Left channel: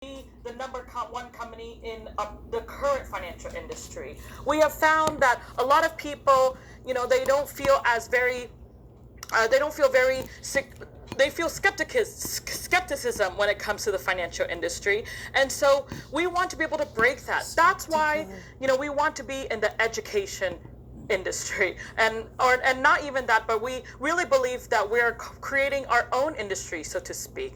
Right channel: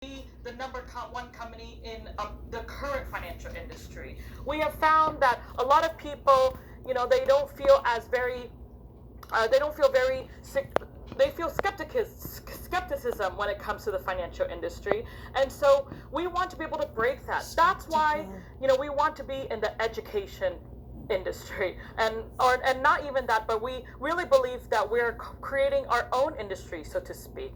be the number one company in the current financial industry. We have found that a lot of people, they don't feel as very they don't feel very sick. They feel skepticism when it comes to the financial industry, and so we want to be able to break that. That's why we want to be in the education industry, and not even that, but we really believe that we're creating our own industry, so to speak,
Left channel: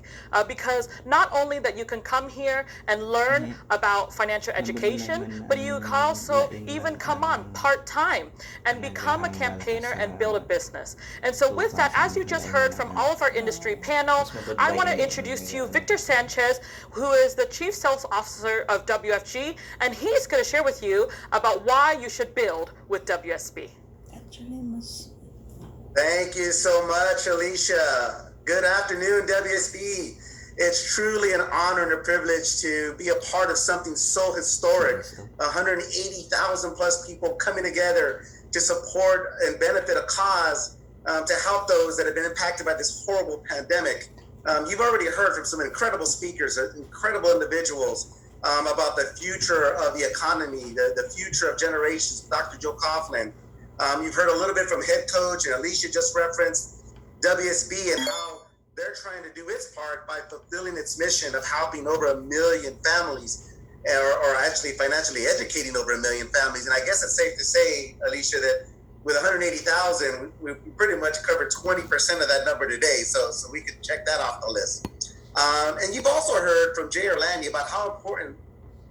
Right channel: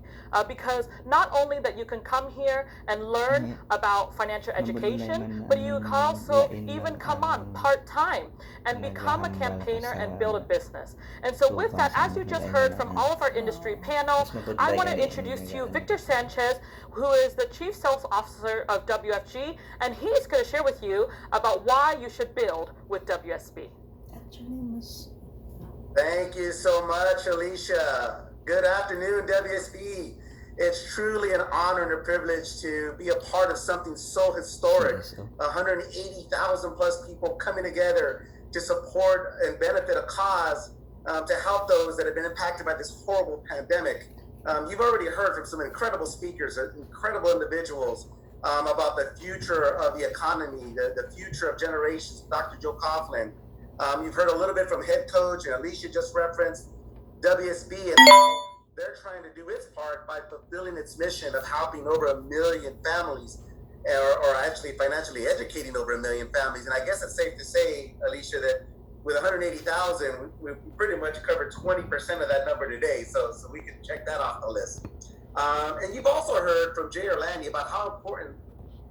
because not only that you can come here and learn about financial education, but you can also even come on part-time and become a campaigner and build a business. And so with that, as you just heard from all of our industry panel, I want to introduce to you Victor Sanchez, who is the Chief Sales Officer of WFG, and he's going to share with you about why you should build with WSB. Thank you so much, Alicia. Good afternoon, WSB. It's truly an honor and a privilege to be a part of something so historic. 180,000 plus people coming together to support and benefit a cause to help those that have been impacted by this horrible pandemic. You've already heard from some incredible speakers, incredible individuals about the future of the economy, the future of generations. Dr. Joe Coughlin. You've heard a little bit from head coach, and Alicia just referenced WSB and how they're trying to do its part by fulfilling its mission of helping over 1 million families, or actually financially educating over 1 million families. And I guess it's safe to say, Alicia, that with 180,000, we pretty much covered 20% of that number today. So we could check that off the list. And you've also heard from Jay Orlandi about how important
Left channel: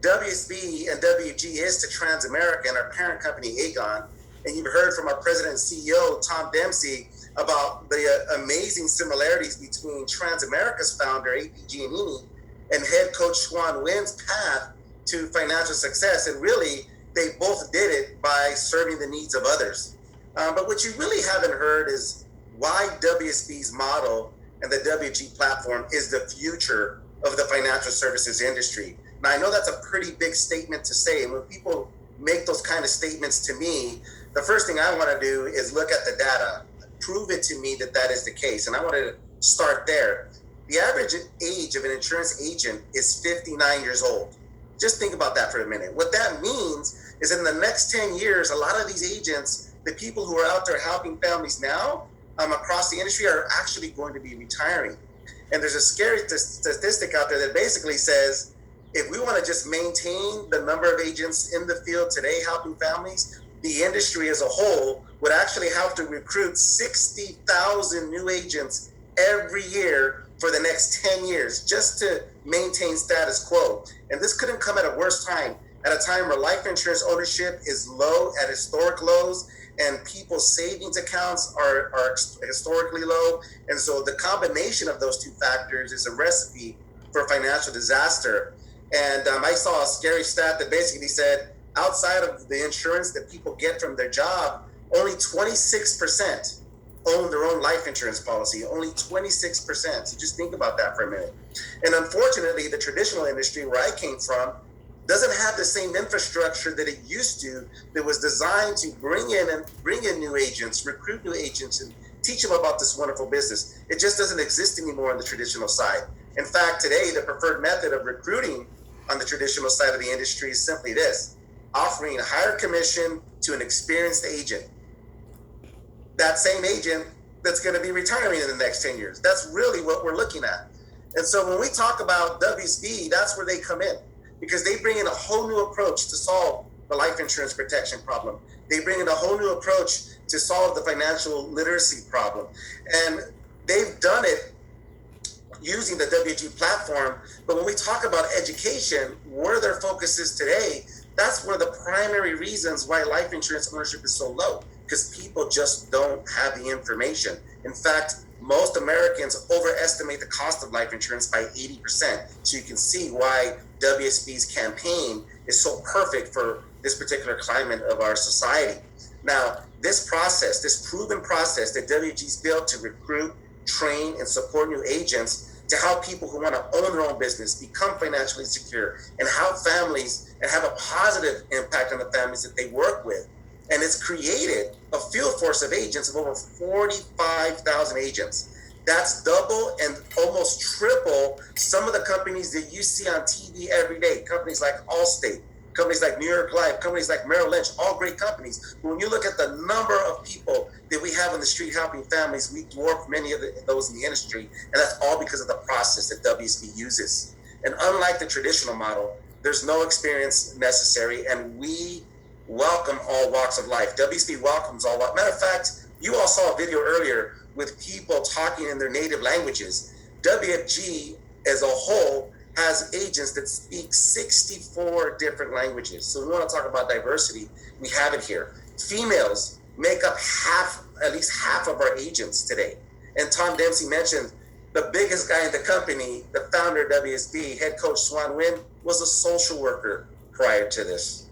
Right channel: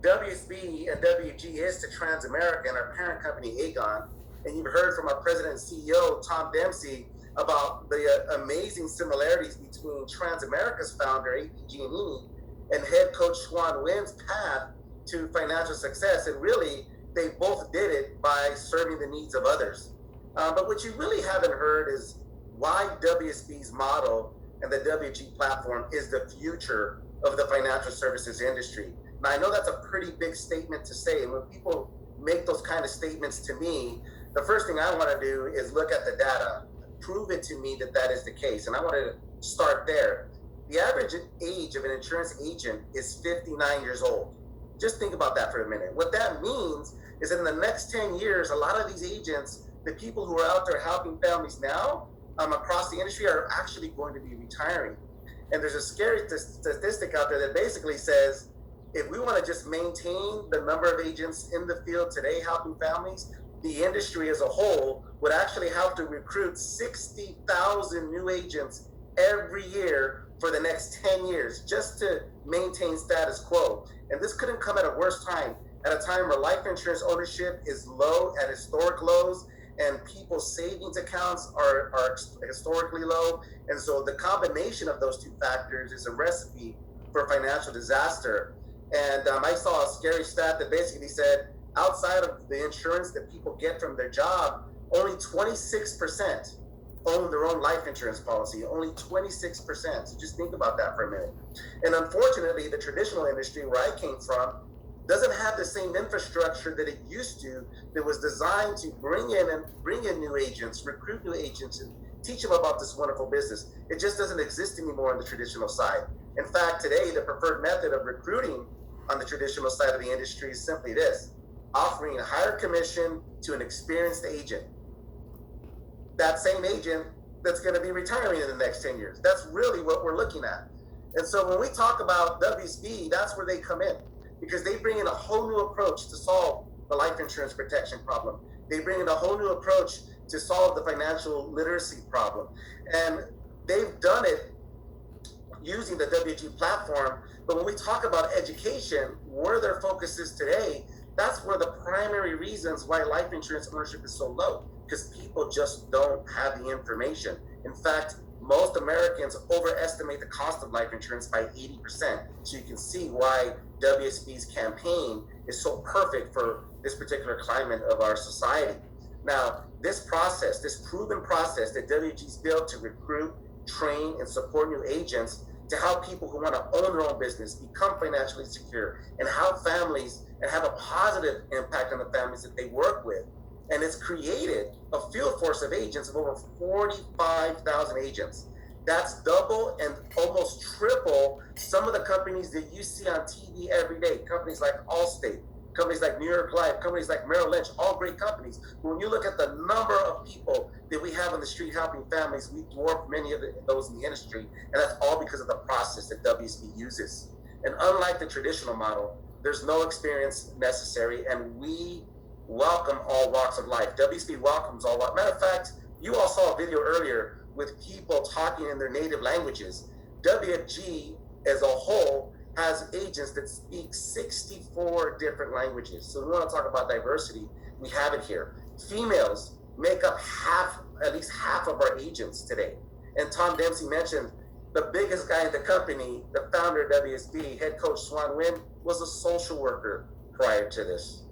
WSB and WG is to Transamerica and our parent company, Aegon. And you've heard from our president and CEO, Tom Dempsey, about the amazing similarities between Transamerica's founder, A.P. Giannini, and head coach Schwan Wynn's path to financial success. And really, they both did it by serving the needs of others. But what you really haven't heard is why WSB's model and the WG platform is the future of the financial services industry. Now, I know that's a pretty big statement to say. And when people make those kind of statements to me, the first thing I want to do is look at the data, prove it to me that that is the case. And I want to start there. The average age of an insurance agent is 59 years old. Just think about that for a minute. What that means is in the next 10 years, a lot of these agents, the people who are out there helping families now across the industry, are actually going to be retiring. And there's a scary statistic out there that basically says, if we want to just maintain the number of agents in the field today helping families, the industry as a whole would actually have to recruit 60,000 new agents every year for the next 10 years just to maintain status quo. And this couldn't come at a worse time, at a time where life insurance ownership is low, at historic lows, and people's savings accounts are historically low. And so the combination of those two factors is a recipe for financial disaster. And I saw a scary stat that basically said, outside of the insurance that people get from their job, only 26% own their own life insurance policy, only 26%. So just think about that for a minute. And unfortunately, the traditional industry where I came from doesn't have the same infrastructure that it used to, that was designed to bring in new agents, recruit new agents, and teach them about this wonderful business. It just doesn't exist anymore on the traditional side. In fact, today, the preferred method of recruiting on the traditional side of the industry is simply this: offering a higher commission to an experienced agent. That same agent that's going to be retiring in the next 10 years. That's really what we're looking at. And so when we talk about WSB, that's where they come in, because they bring in a whole new approach to solve the life insurance protection problem. They bring in a whole new approach to solve the financial literacy problem. And they've done it using the WG platform. But when we talk about education, where their focus is today, that's one of the primary reasons why life insurance ownership is so low, because people just don't have the information. In fact, most Americans overestimate the cost of life insurance by 80%. So you can see why WSB's campaign is so perfect for this particular climate of our society. Now, this process, this proven process that WG's built to recruit, train, and support new agents to help people who want to own their own business become financially secure and help families and have a positive impact on the families that they work with. And it's created a field force of agents of over 45,000 agents. That's double and almost triple some of the companies that you see on TV every day. Companies like Allstate, companies like New York Life, companies like Merrill Lynch, all great companies. But when you look at the number of people that we have on the street helping families, we dwarf many of those in the industry. And that's all because of the process that WSP uses. And unlike the traditional model, there's no experience necessary, and we welcome all walks of life. WSP welcomes all walks. Matter of fact, you all saw a video earlier with people talking in their native languages. WFG as a whole has agents that speak 64 different languages. So we want to talk about diversity. We have it here. Females make up at least half of our agents today. And Tom Dempsey mentioned the biggest guy in the company, the founder of WSP, head coach Swan Nguyen, was a social worker prior to this.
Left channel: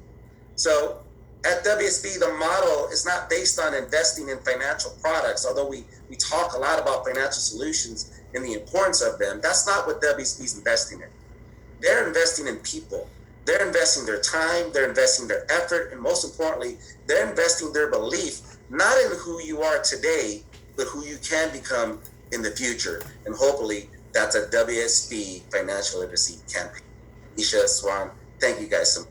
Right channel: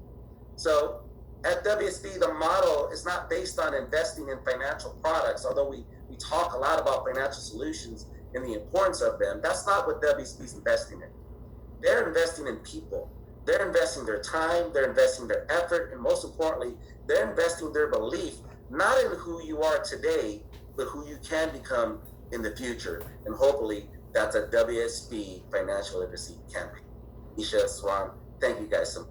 So at WSP, the model is not based on investing in financial products, although we talk a lot about financial solutions and the importance of them. That's not what WSP is investing in. They're investing in people. They're investing their time, they're investing their effort, and most importantly, they're investing their belief, not in who you are today, but who you can become in the future. And hopefully that's a WSP financial literacy campaign. Isha, Swan, thank you guys so much.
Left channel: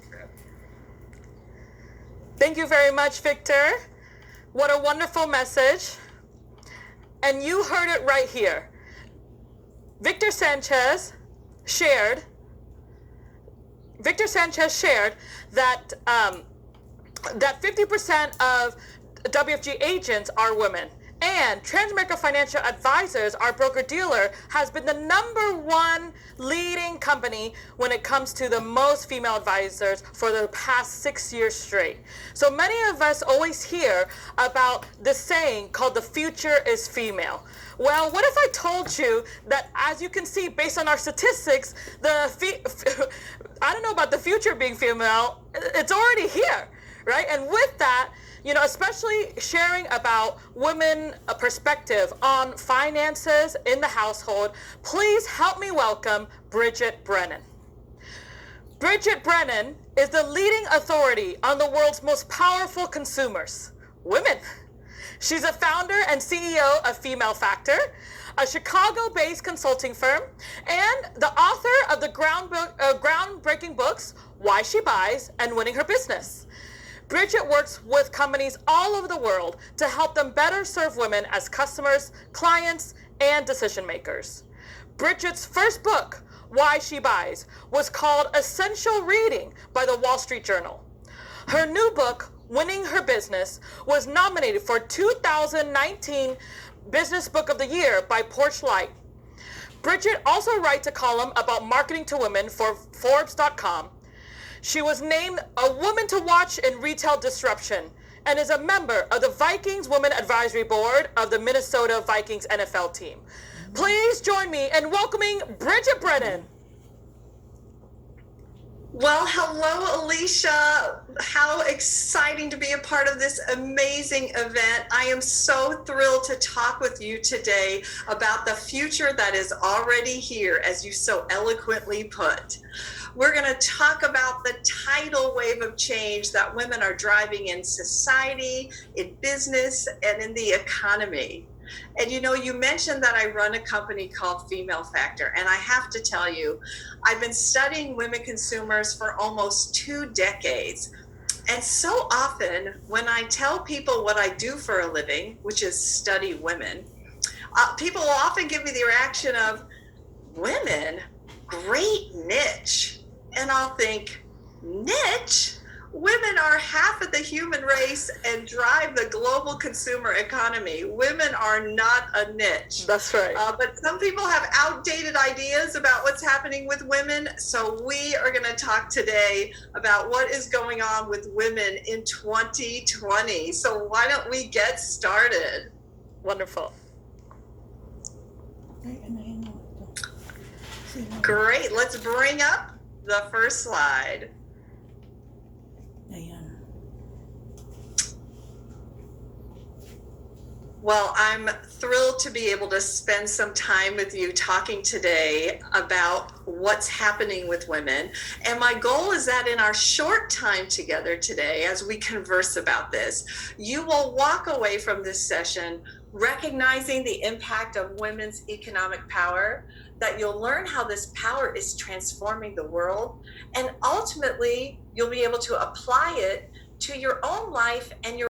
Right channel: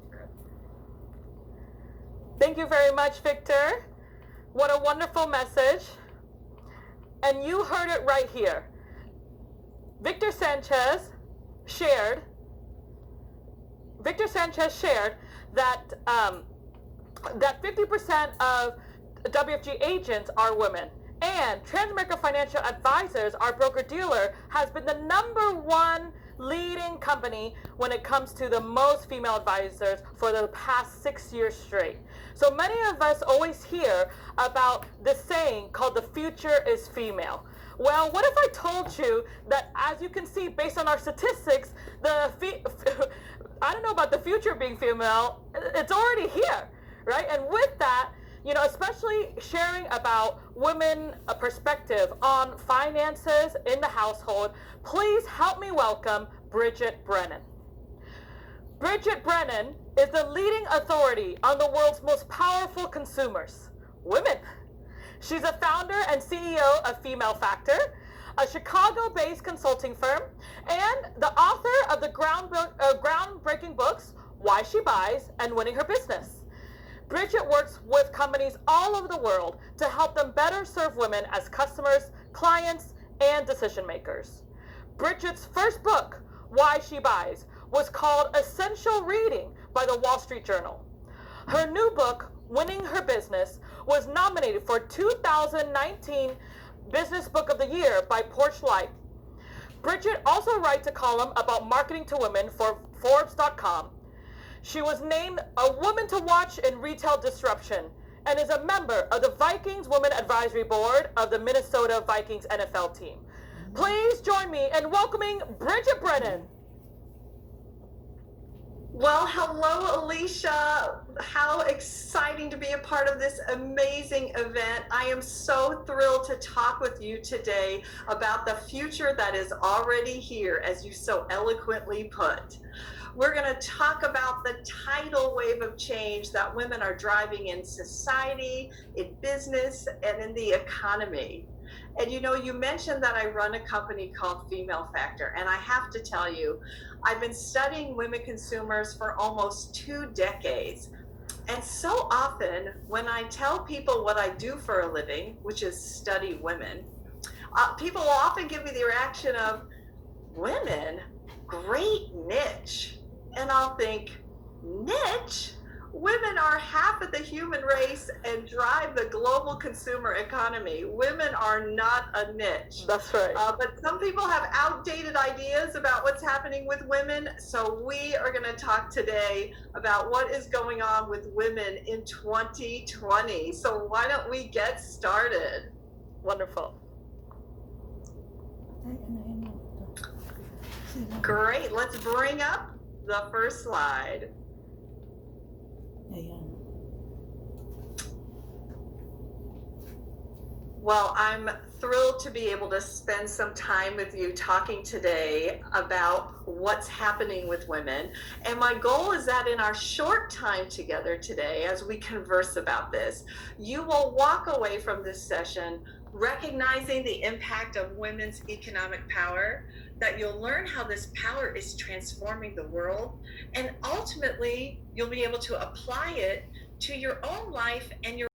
Thank you very much, Victor. What a wonderful message. And you heard it right here. Victor Sanchez shared that that 50% of WFG agents are women. And Transamerica Financial Advisors, our broker-dealer, has been the #1 leading company when it comes to the most female advisors for the past 6 years straight. So many of us always hear about this saying called the future is female. Well, what if I told you that, as you can see based on our statistics, I don't know about the future being female, it's already here, right? And with that, especially sharing about women perspective on finances in the household, please help me welcome Bridget Brennan. Bridget Brennan is the leading authority on the world's most powerful consumers, women. She's a founder and CEO of Female Factor, a Chicago-based consulting firm, and the author of the groundbreaking books, Why She Buys and Winning Her Business. Bridget works with companies all over the world to help them better serve women as customers, clients, and decision makers. Bridget's first book, Why She Buys, was called Essential Reading by the Wall Street Journal. Her new book, Winning Her Business, was nominated for 2019 Business Book of the Year by Porchlight. Bridget also writes a column about marketing to women for Forbes.com. She was named a Woman to Watch in Retail Disruption and is a member of the Vikings Women Advisory Board of the Minnesota Vikings NFL team. Please join me in welcoming Bridget Brennan. Well, hello, Alicia. How exciting to be a part of this amazing event. I am so thrilled to talk with you today about the future that is already here, as you so eloquently put. We're going to talk about the tidal wave of change that women are driving in society, in business, and in the economy. And you mentioned that I run a company called Female Factor, and I have to tell you, I've been studying women consumers for almost 2 decades. And so often when I tell people what I do for a living, which is study women, people will often give me the reaction of, women? Great niche. And I'll think, niche? Women are half of the human race and drive the global consumer economy. Women are not a niche. That's right. But some people have outdated ideas about what's happening with women. So we are going to talk today about what is going on with women in 2020. So why don't we get started? Wonderful. Great. Let's bring up the first slide. Well, I'm thrilled to be able to spend some time with you talking today about what's happening with women. And my goal is that in our short time together today, as we converse about this, you will walk away from this session recognizing the impact of women's economic power, that you'll learn how this power is transforming the world, and ultimately you'll be able to apply it to your own life and your